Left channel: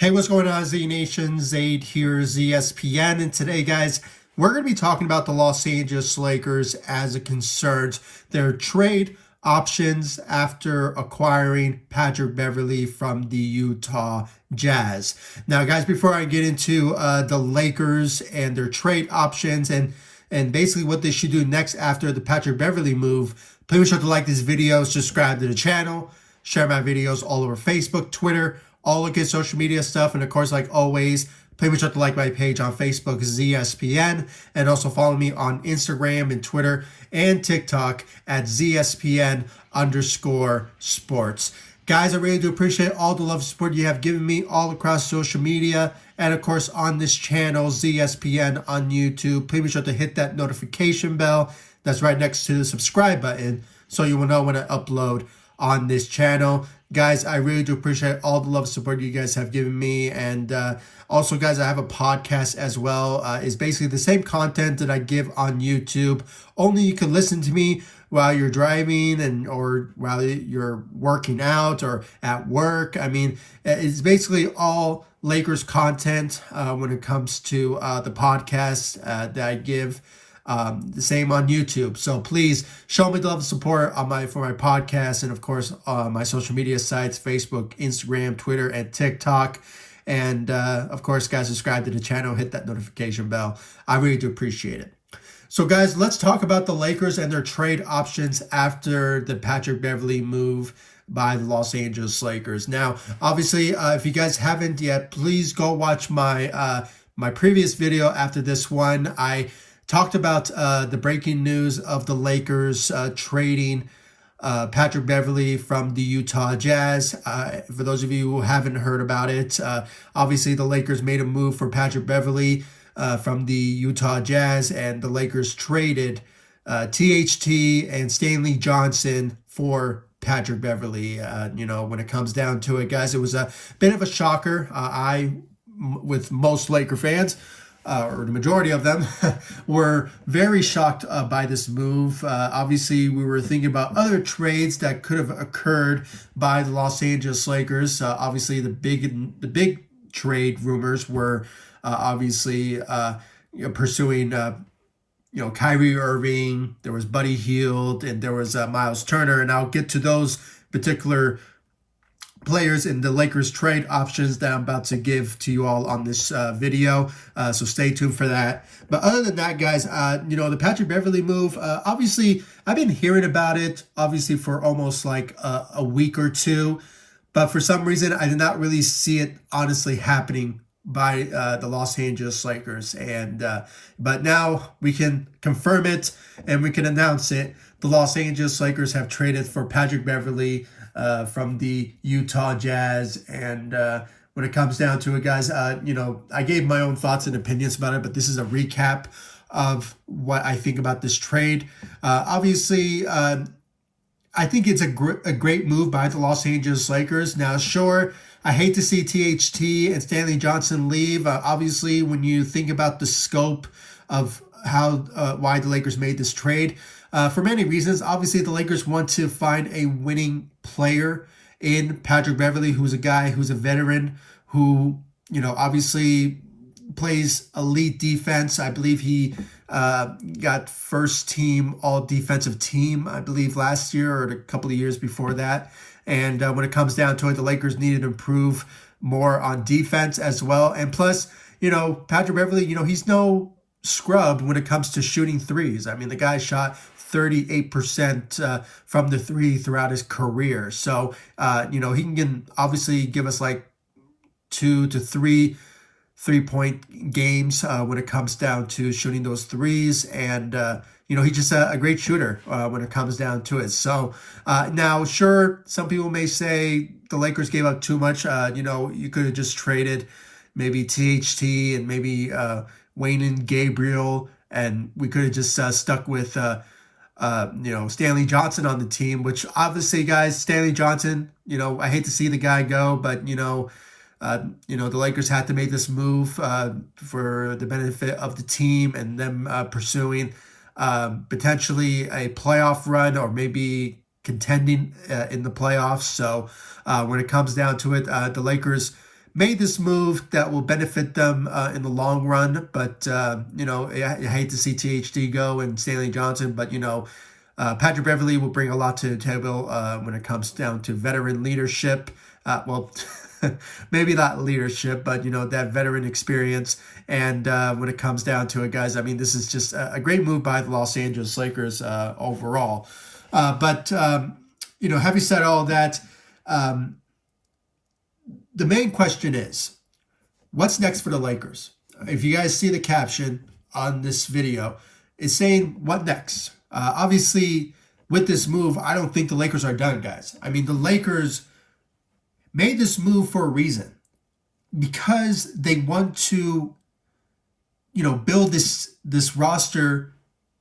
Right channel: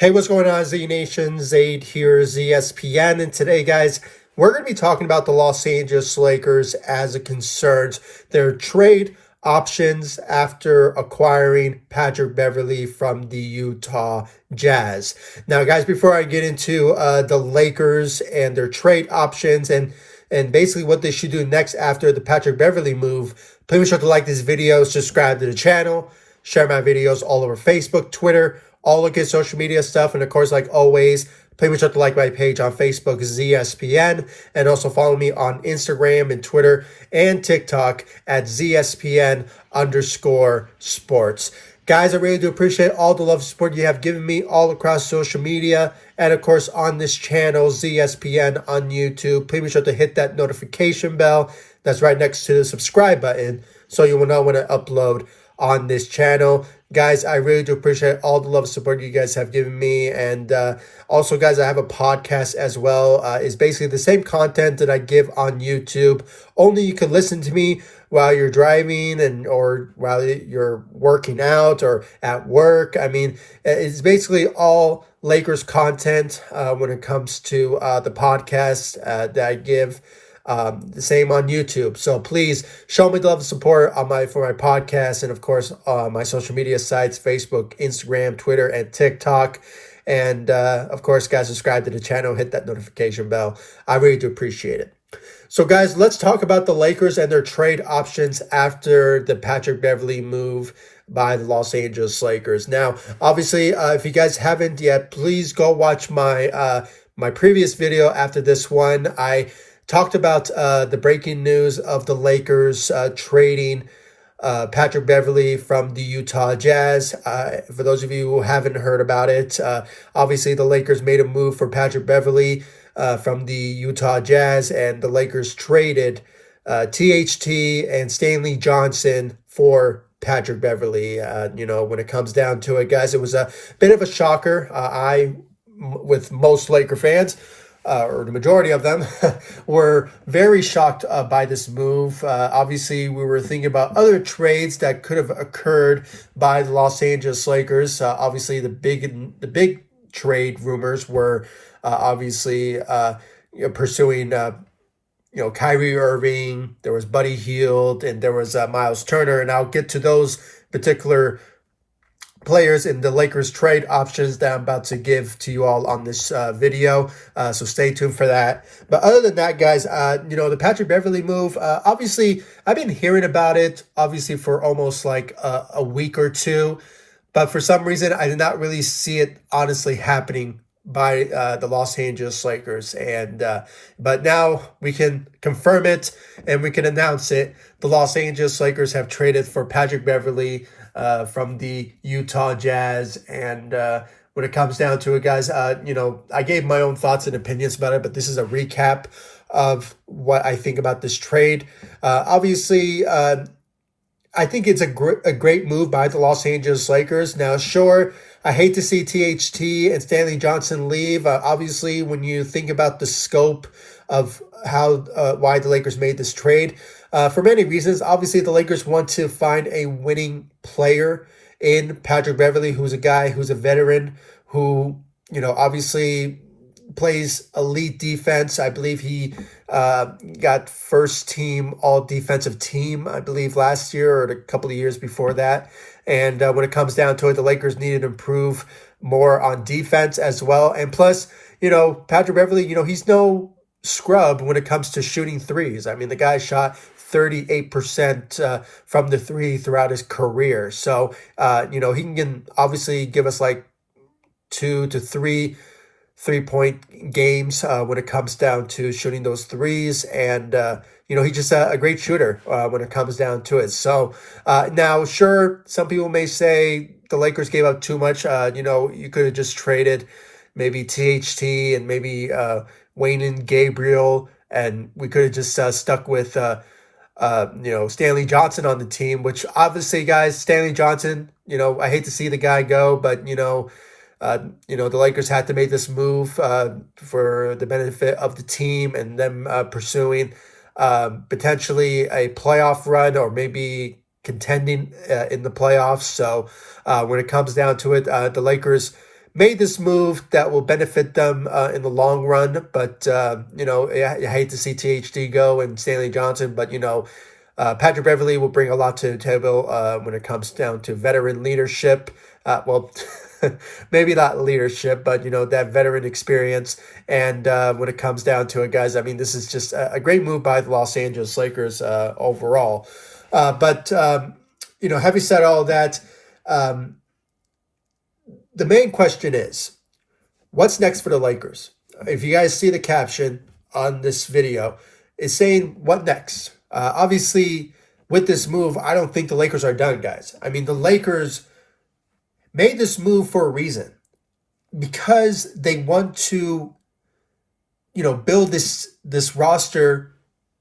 Hey, what's going on, Z Nation? Zaid here, ZSPN. And today, guys, we're going to be talking about the Los Angeles Lakers as it concerns their trade options after acquiring Patrick Beverley from the Utah Jazz. Now, guys, before I get into the Lakers and their trade options and basically what they should do next after the Patrick Beverley move, please be sure to like this video, subscribe to the channel, share my videos all over Facebook, Twitter, all the good social media stuff. And of course, like always, please be sure to like my page on Facebook, ZSPN, and also follow me on Instagram and Twitter and TikTok at ZSPN_sports. Guys, I really do appreciate all the love and support you have given me all across social media. And of course, on this channel, ZSPN on YouTube. Please be sure to hit that notification bell that's right next to the subscribe button so you will know when I upload on this channel. Guys, I really do appreciate all the love and support you guys have given me. And also, guys, I have a podcast as well. It's basically the same content that I give on YouTube. Only you can listen to me while you're driving or while you're working out or at work. I mean, it's basically all Lakers content when it comes to the podcast that I give. The same on YouTube. So please show me the love and support on for my podcast, and of course my social media sites, Facebook, Instagram, Twitter, and TikTok. And of course, guys, subscribe to the channel, hit that notification bell. I really do appreciate it. So guys, let's talk about the Lakers and their trade options after the Patrick Beverley move by the Los Angeles Lakers. Now, obviously, if you guys haven't yet, please go watch my my previous video after this one. I talked about the breaking news of the Lakers trading Patrick Beverley from the Utah Jazz. For those of you who haven't heard about it, obviously the Lakers made a move for Patrick Beverley from the Utah Jazz, and the Lakers traded THT and Stanley Johnson for Patrick Beverley. When it comes down to it, guys, it was a bit of a shocker. With most Laker fans, or the majority of them, were very shocked by this move. Obviously, we were thinking about other trades that could have occurred by the Los Angeles Lakers. Obviously, the big trade rumors were obviously pursuing Kyrie Irving. There was Buddy Hield, and there was Myles Turner, and I'll get to those particular players in the Lakers trade options that I'm about to give to you all on this video. So stay tuned for that. But other than that, guys, the Patrick Beverley move, obviously, I've been hearing about it, obviously, for almost like a week or two. But for some reason, I did not really see it honestly happening by the Los Angeles Lakers. And but now we can confirm it and we can announce it. The Los Angeles Lakers have traded for Patrick Beverley from the Utah Jazz. And when it comes down to it, guys, I gave my own thoughts and opinions about it, but this is a recap of what I think about this trade. Obviously, I think it's a great move by the Los Angeles Lakers. Now, sure, I hate to see THT and Stanley Johnson leave. Obviously, when you think about the scope of why the Lakers made this trade, for many reasons. Obviously, the Lakers want to find a winning player in Patrick Beverley, who's a guy who's a veteran, who, obviously plays elite defense. I believe he got first team all defensive team, I believe, last year or a couple of years before that. And when it comes down to it, the Lakers needed to improve more on defense as well. And plus, Patrick Beverley, he's no scrub when it comes to shooting threes. I mean, the guy shot 38% from the three throughout his career. So, he can obviously give us like 2 to 3 3-point games when it comes down to shooting those threes. And, he's just a great shooter when it comes down to it. So now, sure, some people may say the Lakers gave up too much. You could have just traded maybe THT and maybe Wayne and Gabriel, and we could have just stuck with Stanley Johnson on the team, which obviously, guys, Stanley Johnson, I hate to see the guy go, but, the Lakers had to make this move for the benefit of the team and them pursuing potentially a playoff run or maybe contending in the playoffs. So when it comes down to it, the Lakers made this move that will benefit them in the long run. But, I hate to see THD go and Stanley Johnson, but, Patrick Beverley will bring a lot to the table when it comes down to veteran leadership. Well, maybe not leadership, but, that veteran experience. And when it comes down to it, guys, I mean, this is just a great move by the Los Angeles Lakers overall. But having said all that, the main question is, what's next for the Lakers? If you guys see the caption on this video, it's saying, what next? Obviously, with this move, I don't think the Lakers are done, guys. I mean, the Lakers made this move for a reason, because they want to, build this roster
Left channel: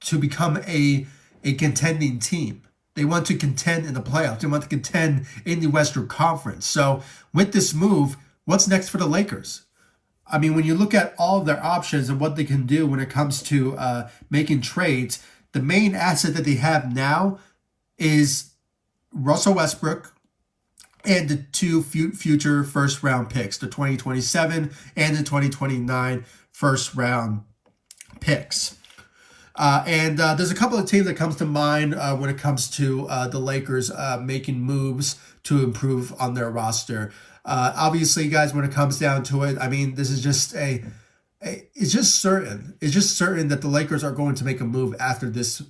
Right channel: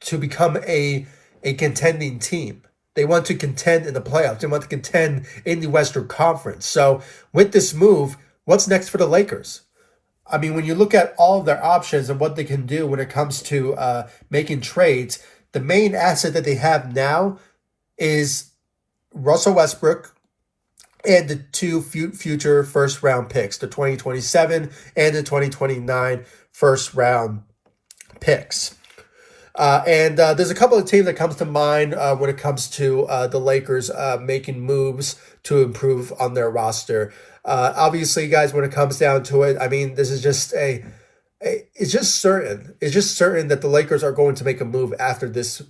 to become a contending team. They want to contend in the playoffs. They want to contend in the Western Conference. So with this move, what's next for the Lakers? I mean, when you look at all of their options and what they can do when it comes to making trades, the main asset that they have now is Russell Westbrook and the two future first-round picks, the 2027 and the 2029 first-round picks. And there's a couple of teams that comes to mind when it comes to the Lakers making moves to improve on their roster. Obviously, guys, when it comes down to it, I mean, this is just it's just certain. It's just certain that the Lakers are going to make a move after this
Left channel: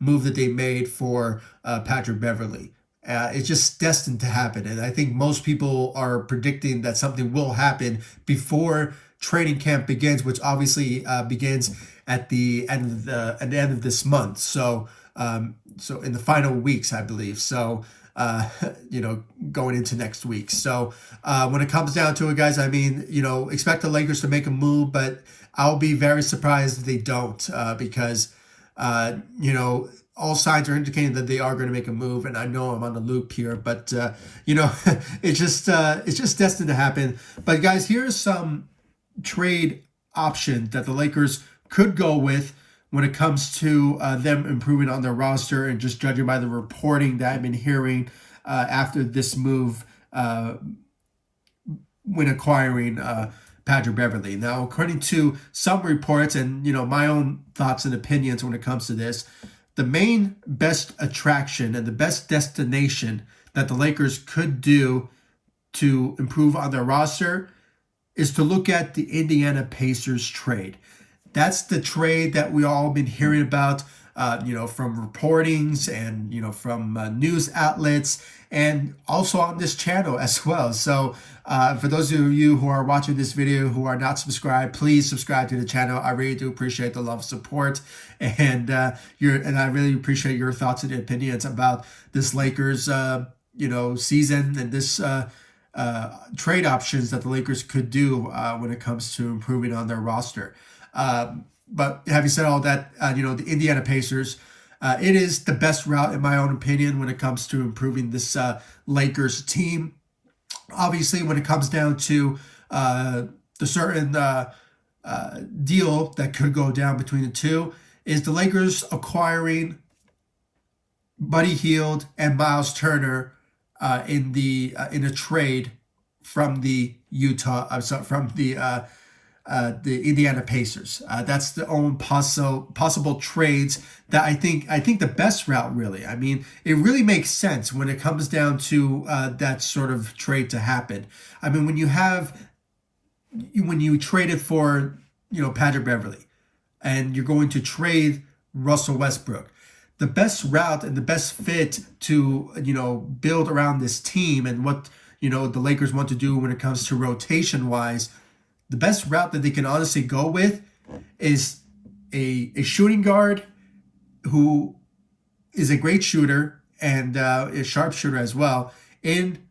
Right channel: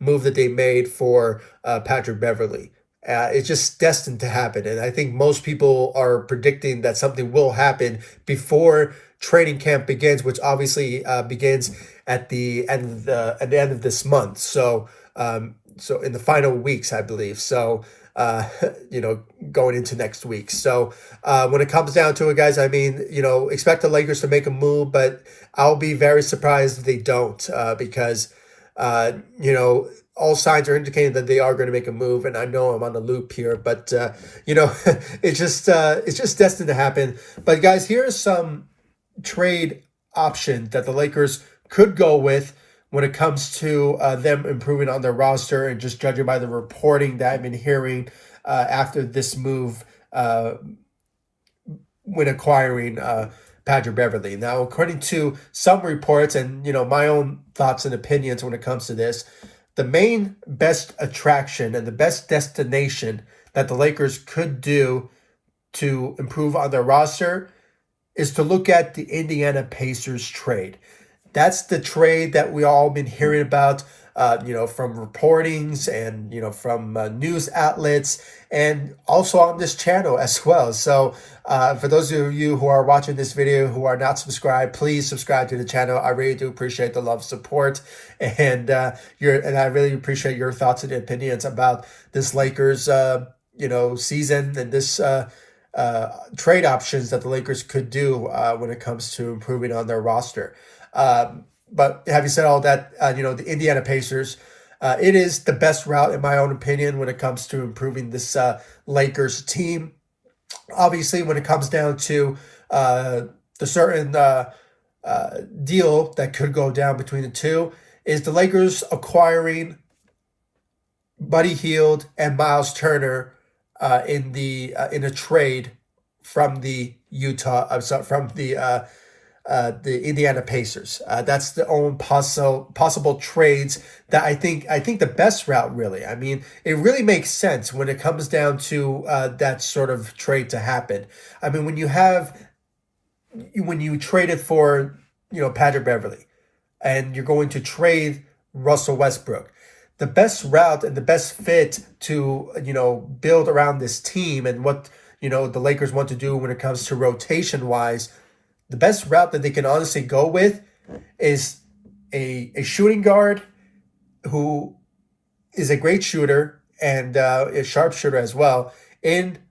move that they made for Patrick Beverley. It's just destined to happen. And I think most people are predicting that something will happen before training camp begins, which obviously begins at the end of this month. So in the final weeks, I believe. So going into next week. So when it comes down to it, guys, I mean, expect the Lakers to make a move, but I'll be very surprised if they don't, because all signs are indicating that they are going to make a move, and I know I'm on the loop here, but it's just destined to happen. But guys, here's some trade options that the Lakers could go with when it comes to them improving on their roster, and just judging by the reporting that I've been hearing after this move when acquiring Patrick Beverley. Now, according to some reports and my own thoughts and opinions when it comes to this, the main best attraction and the best destination that the Lakers could do to improve on their roster is to look at the Indiana Pacers trade. That's the trade that we all been hearing about, from reportings and, from news outlets, and also on this channel as well. So for those of you who are watching this video who are not subscribed, please subscribe to the channel. I really do appreciate the love and support, and I really appreciate your thoughts and opinions about this Lakers, season, and this trade options that the Lakers could do when it comes to improving on their roster. But having said all that, the Indiana Pacers, it is the best route, in my own opinion, when it comes to improving this Lakers team. Obviously, when it comes down to the certain deal that could go down between the two, is the Lakers acquiring Buddy Hield and Myles Turner in a trade from the Indiana Pacers. That's the only possible trades that I think the best route, really. I mean, it really makes sense when it comes down to that sort of trade to happen. I mean, when you traded for Patrick Beverley, and you're going to trade Russell Westbrook, the best route and the best fit to build around this team and what the Lakers want to do when it comes to rotation wise, the best route that they can honestly go with is a shooting guard who is a great shooter and a sharpshooter as well in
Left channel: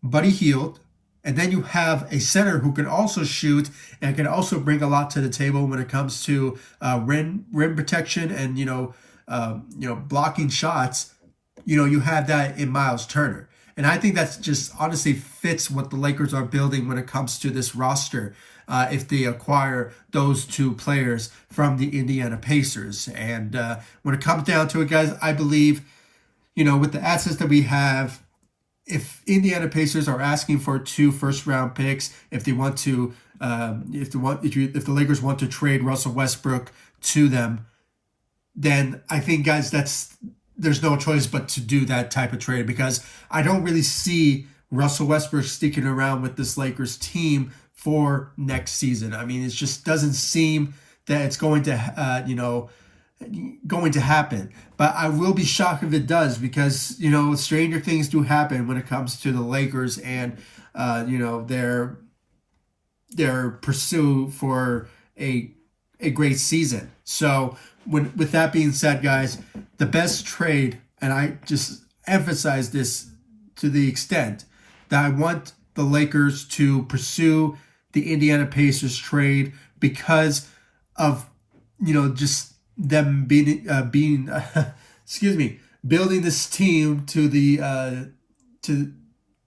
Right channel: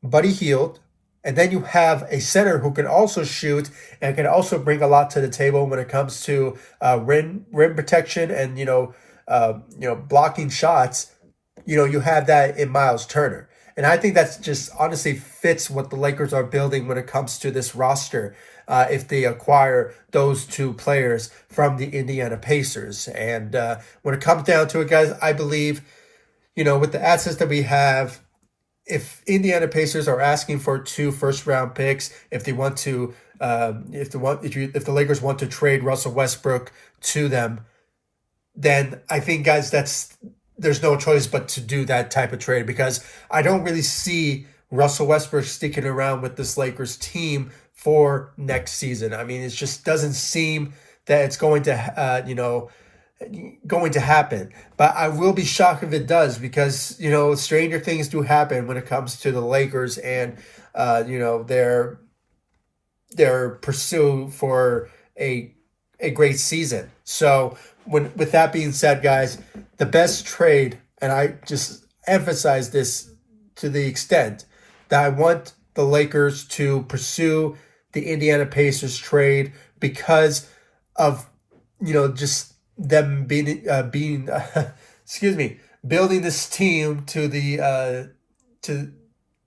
Buddy Hield. And then you have a center who can also shoot and can also bring a lot to the table when it comes to rim protection and blocking shots. You have that in Myles Turner. And I think that's just honestly fits what the Lakers are building when it comes to this roster, if they acquire those two players from the Indiana Pacers. And when it comes down to it, guys, I believe, with the assets that we have, if Indiana Pacers are asking for 2 first-round picks, if they want to, if the Lakers want to trade Russell Westbrook to them, then I think, guys, there's no choice but to do that type of trade, because I don't really see Russell Westbrook sticking around with this Lakers team for next season. I mean, it just doesn't seem that it's going to, going to happen. But I will be shocked if it does, because, stranger things do happen when it comes to the Lakers and, their pursuit for a great season. So with that being said, guys, the best trade, and I just emphasize this to the extent that I want the Lakers to pursue the Indiana Pacers trade, because of just them being excuse me, building this team to the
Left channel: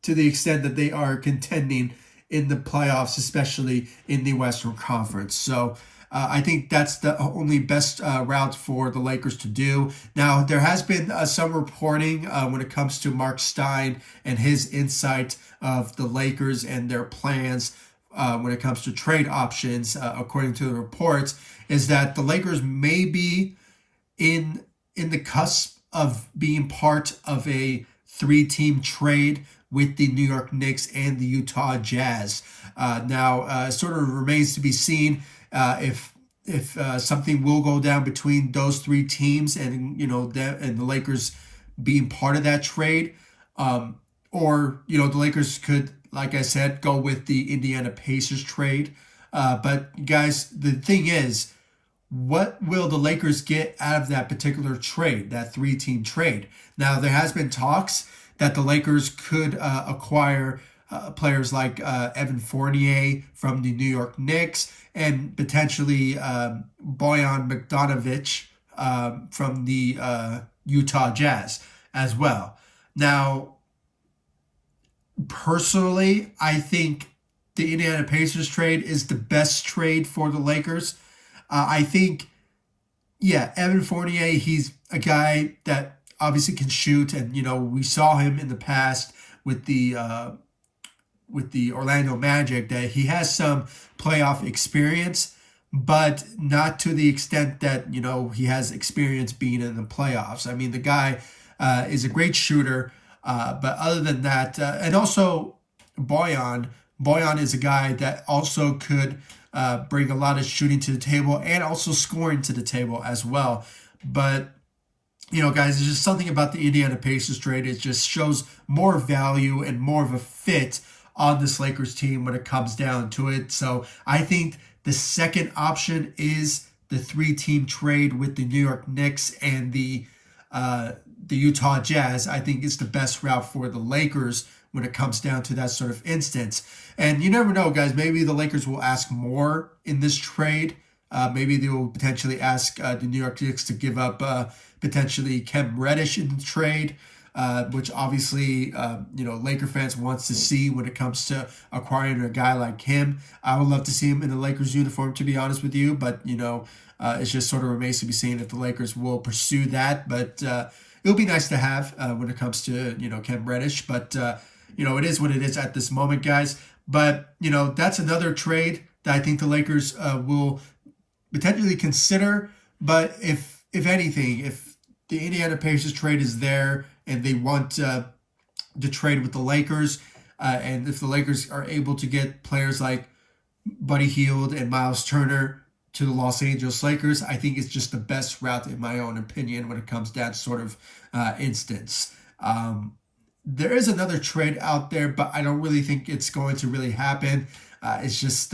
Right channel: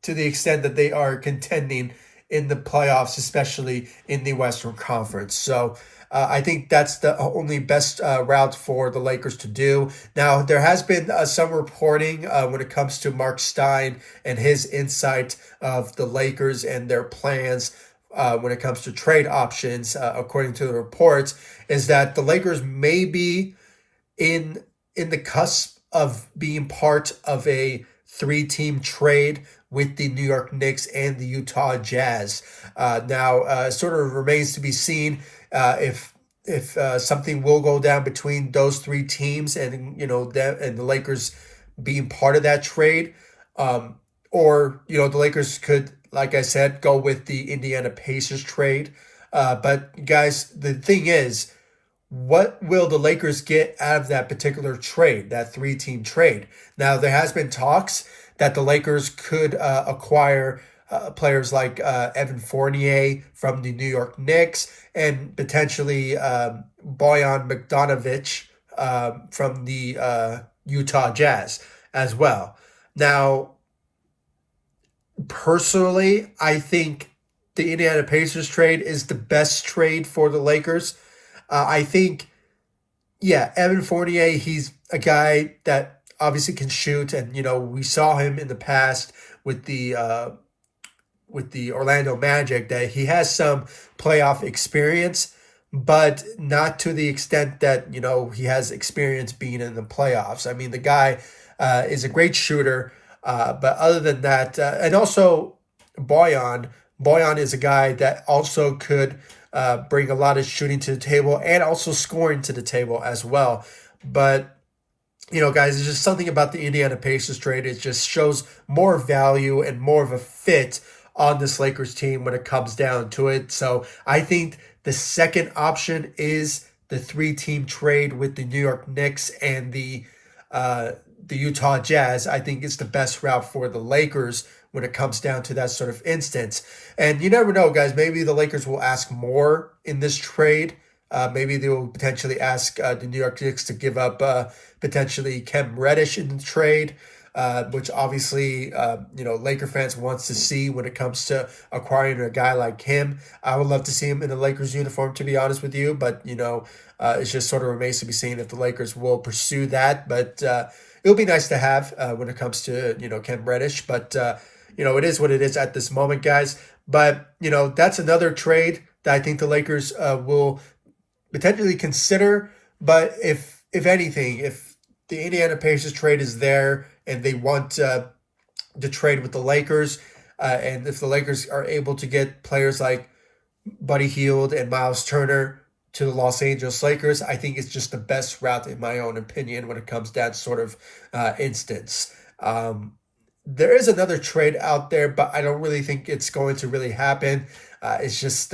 extent that they are contending in the playoffs, especially in the Western Conference. So I think that's the only best route for the Lakers to do. Now, there has been some reporting when it comes to Mark Stein and his insight of the Lakers and their plans when it comes to trade options, according to the reports, is that the Lakers may be in the cusp of being part of a 3-team trade with the New York Knicks and the Utah Jazz. Now, it sort of remains to be seen if something will go down between those 3 teams, and and the Lakers being part of that trade, or the Lakers could, like I said, go with the Indiana Pacers trade. But guys, the thing is, what will the Lakers get out of that particular trade, that 3-team trade? Now, there has been talks that the Lakers could acquire players like Evan Fournier from the New York Knicks, and potentially Bojan Bogdanovic from the Utah Jazz as well. Now, personally, I think the Indiana Pacers trade is the best trade for the Lakers. I think, Evan Fournier, he's a guy that obviously can shoot, and we saw him in the past with the Orlando Magic, that he has some playoff experience, but not to the extent that he has experience being in the playoffs. I mean, the guy is a great shooter, but other than that, and also Bojan is a guy that also could bring a lot of shooting to the table and also scoring to the table as well. But guys, there's just something about the Indiana Pacers trade. It just shows more value and more of a fit on this Lakers team when it comes down to it. So I think the second option is the 3-team trade with the New York Knicks and the Utah Jazz. I think it's the best route for the Lakers when it comes down to that sort of instance. And you never know, guys. Maybe the Lakers will ask more in this trade. Maybe they will potentially ask the New York Knicks to give up potentially Cam Reddish in the trade, which obviously, Laker fans wants to see when it comes to acquiring a guy like him. I would love to see him in the Lakers uniform, to be honest with you, but, it's just sort of remains to be seen if the Lakers will pursue that. But it'll be nice to have when it comes to, Cam Reddish. But, it is what it is at this moment, guys. But, that's another trade that I think the Lakers will potentially consider. But if anything, if the Indiana Pacers trade is there and they want to trade with the Lakers, and if the Lakers are able to get players like Buddy Hield and Myles Turner to the Los Angeles Lakers, I think it's just the best route, in my own opinion, when it comes to that sort of instance. There is another trade out there, but I don't really think it's going to really happen. It's just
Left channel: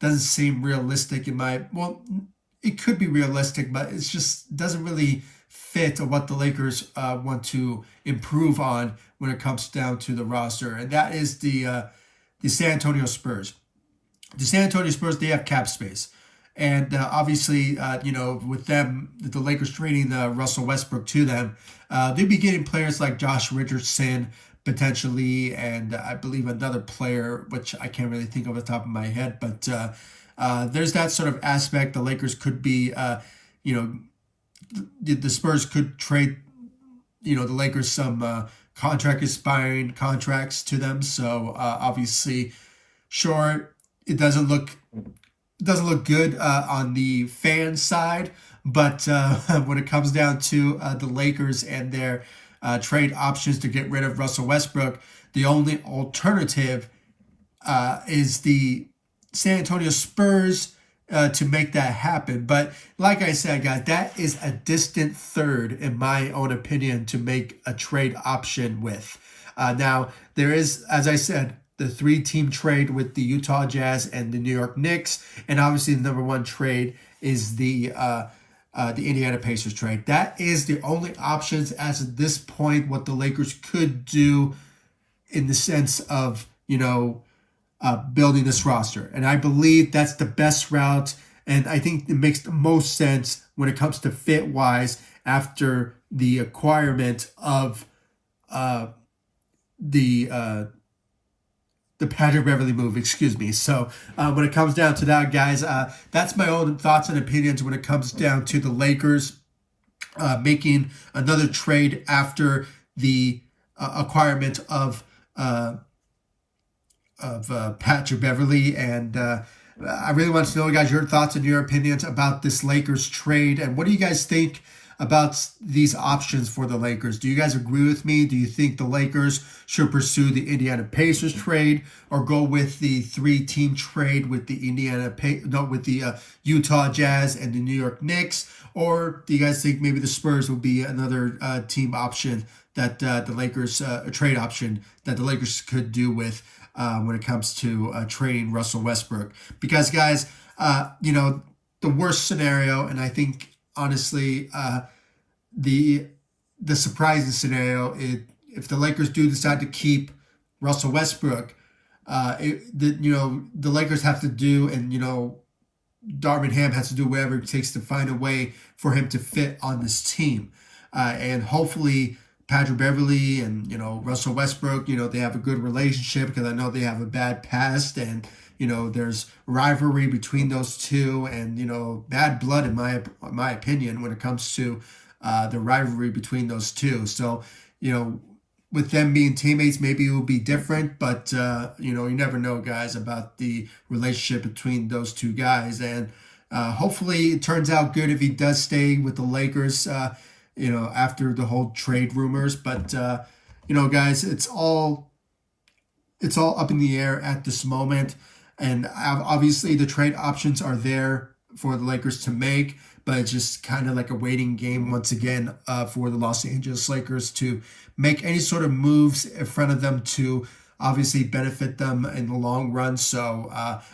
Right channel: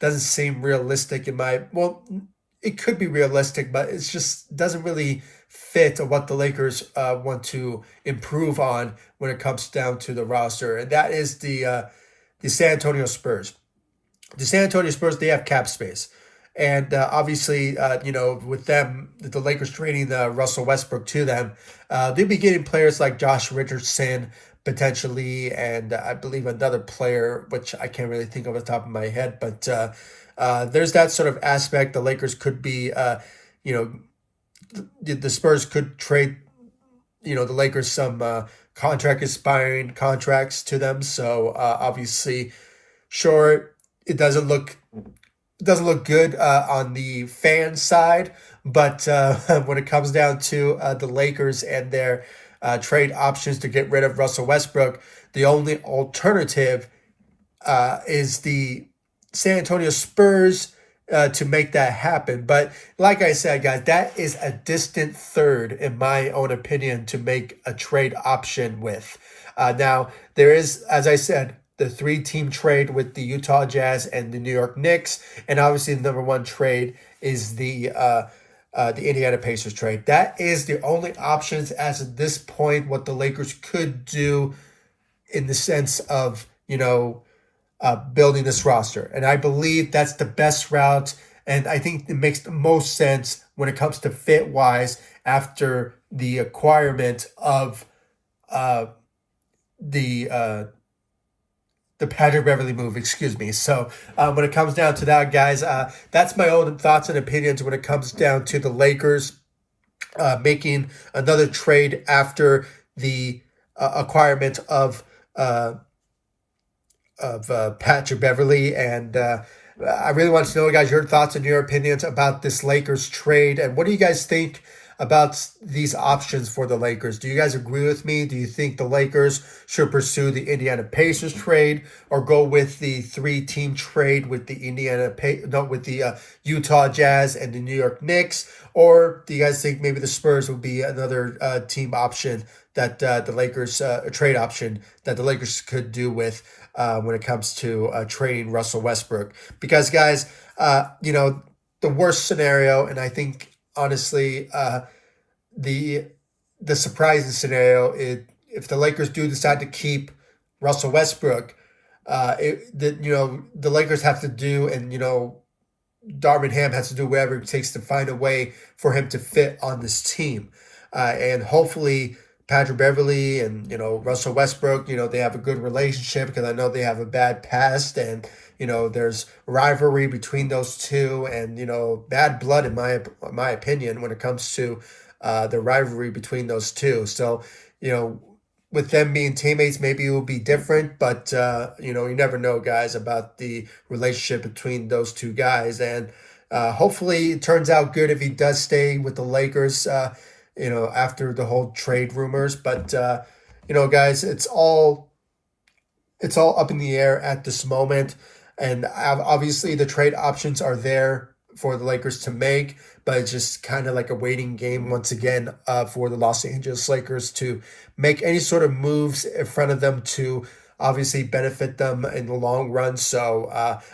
doesn't seem realistic it could be realistic, but it just doesn't really fit what the Lakers want to improve on when it comes down to the roster, and that is the San Antonio Spurs. The San Antonio Spurs, they have cap space, and obviously, with them, the Lakers trading Russell Westbrook to them, they'll be getting players like Josh Richardson potentially, and I believe another player, which I can't really think of off the top of my head, but there's that sort of aspect. The Lakers could be, the Spurs could trade, the Lakers some contract expiring contracts to them. So obviously, sure, it doesn't look good on the fan side, but when it comes down to the Lakers and their trade options to get rid of Russell Westbrook, the only alternative is the San Antonio Spurs to make that happen. But like I said, guys, that is a distant third, in my own opinion, to make a trade option with. Now, there is, as I said, the 3-team trade with the Utah Jazz and the New York Knicks. And obviously, the number one trade is the Indiana Pacers trade. That is the only options as of this point, what the Lakers could do in the sense of, building this roster. And I believe that's the best route. And I think it makes the most sense when it comes to fit-wise after the acquirement of the Patrick Beverley move, excuse me. So when it comes down to that, guys, that's my own thoughts and opinions when it comes down to the Lakers making another trade after the acquirement of Patrick Beverley. And I really want to know, guys, your thoughts and your opinions about this Lakers trade. And what do you guys think about these options for the Lakers? Do you guys agree with me? Do you think the Lakers should pursue the Indiana Pacers trade or go with the 3-team trade with the Utah Jazz and the New York Knicks? Or do you guys think maybe the Spurs would be another team option that the Lakers, a trade option that the Lakers could do with when it comes to trading Russell Westbrook? Because, guys, the worst scenario, and I think honestly, the surprising scenario is if the Lakers do decide to keep Russell Westbrook, the Lakers have to do, and Darvin Ham has to do whatever it takes to find a way for him to fit on this team, and hopefully Patrick Beverley and Russell Westbrook, they have a good relationship, because I know they have a bad past, and there's rivalry between those two, and bad blood in my opinion when it comes to the rivalry between those two. So with them being teammates, maybe it will be different, but you never know, guys, about the relationship between those two guys. And hopefully it turns out good if he does stay with the Lakers after the whole trade rumors. But guys, it's all up in the air at this moment. And obviously the trade options are there for the Lakers to make, but it's just kind of like a waiting game once again for the Los Angeles Lakers to make any sort of moves in front of them to obviously benefit them in the long run. So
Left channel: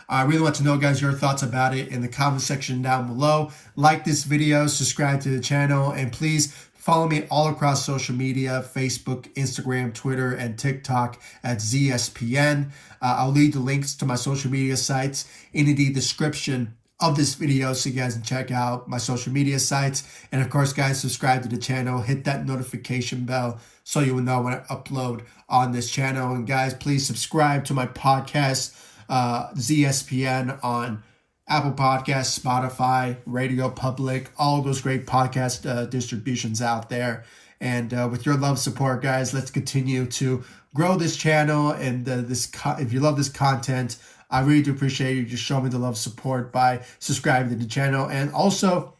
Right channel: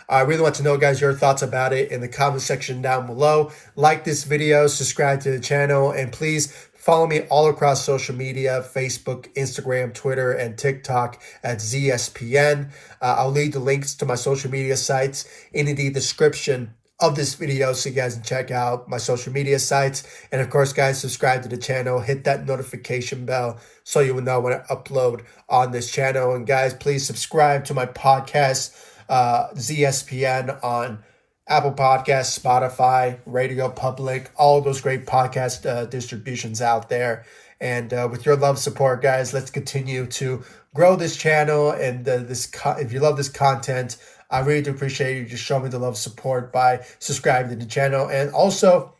I really want to know, guys, your thoughts about it in the comment section down below. Like this video, subscribe to the channel, and please follow me all across social media: Facebook, Instagram, Twitter, and TikTok at ZSPN. I'll leave the links to my social media sites in the description of this video so you guys can check out my social media sites. And of course, guys, subscribe to the channel, hit that notification bell so you will know when I upload on this channel. And guys, please subscribe to my podcast, ZSPN, on Apple Podcasts, Spotify, Radio Public, all those great podcast distributions out there. And with your love support, guys, let's continue to grow this channel. And if you love this content, I really do appreciate you just showing me the love support by subscribing to the channel. And also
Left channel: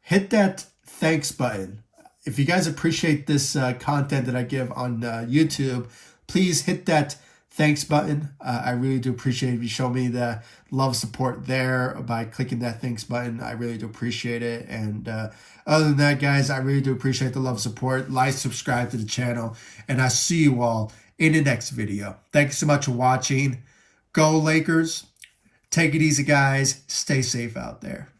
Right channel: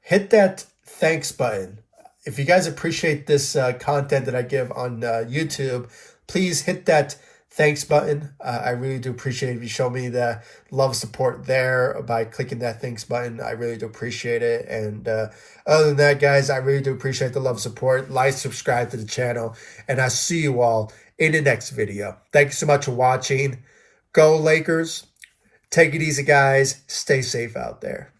hit that thanks button. If you guys appreciate this content that I give on YouTube, please hit that thanks button. I really do appreciate if you show me the love support there by clicking that thanks button. I really do appreciate it. And other than that, guys, I really do appreciate the love support. Like, subscribe to the channel, and I see you all in the next video. Thank you so much for watching. Go Lakers. Take it easy, guys. Stay safe out there.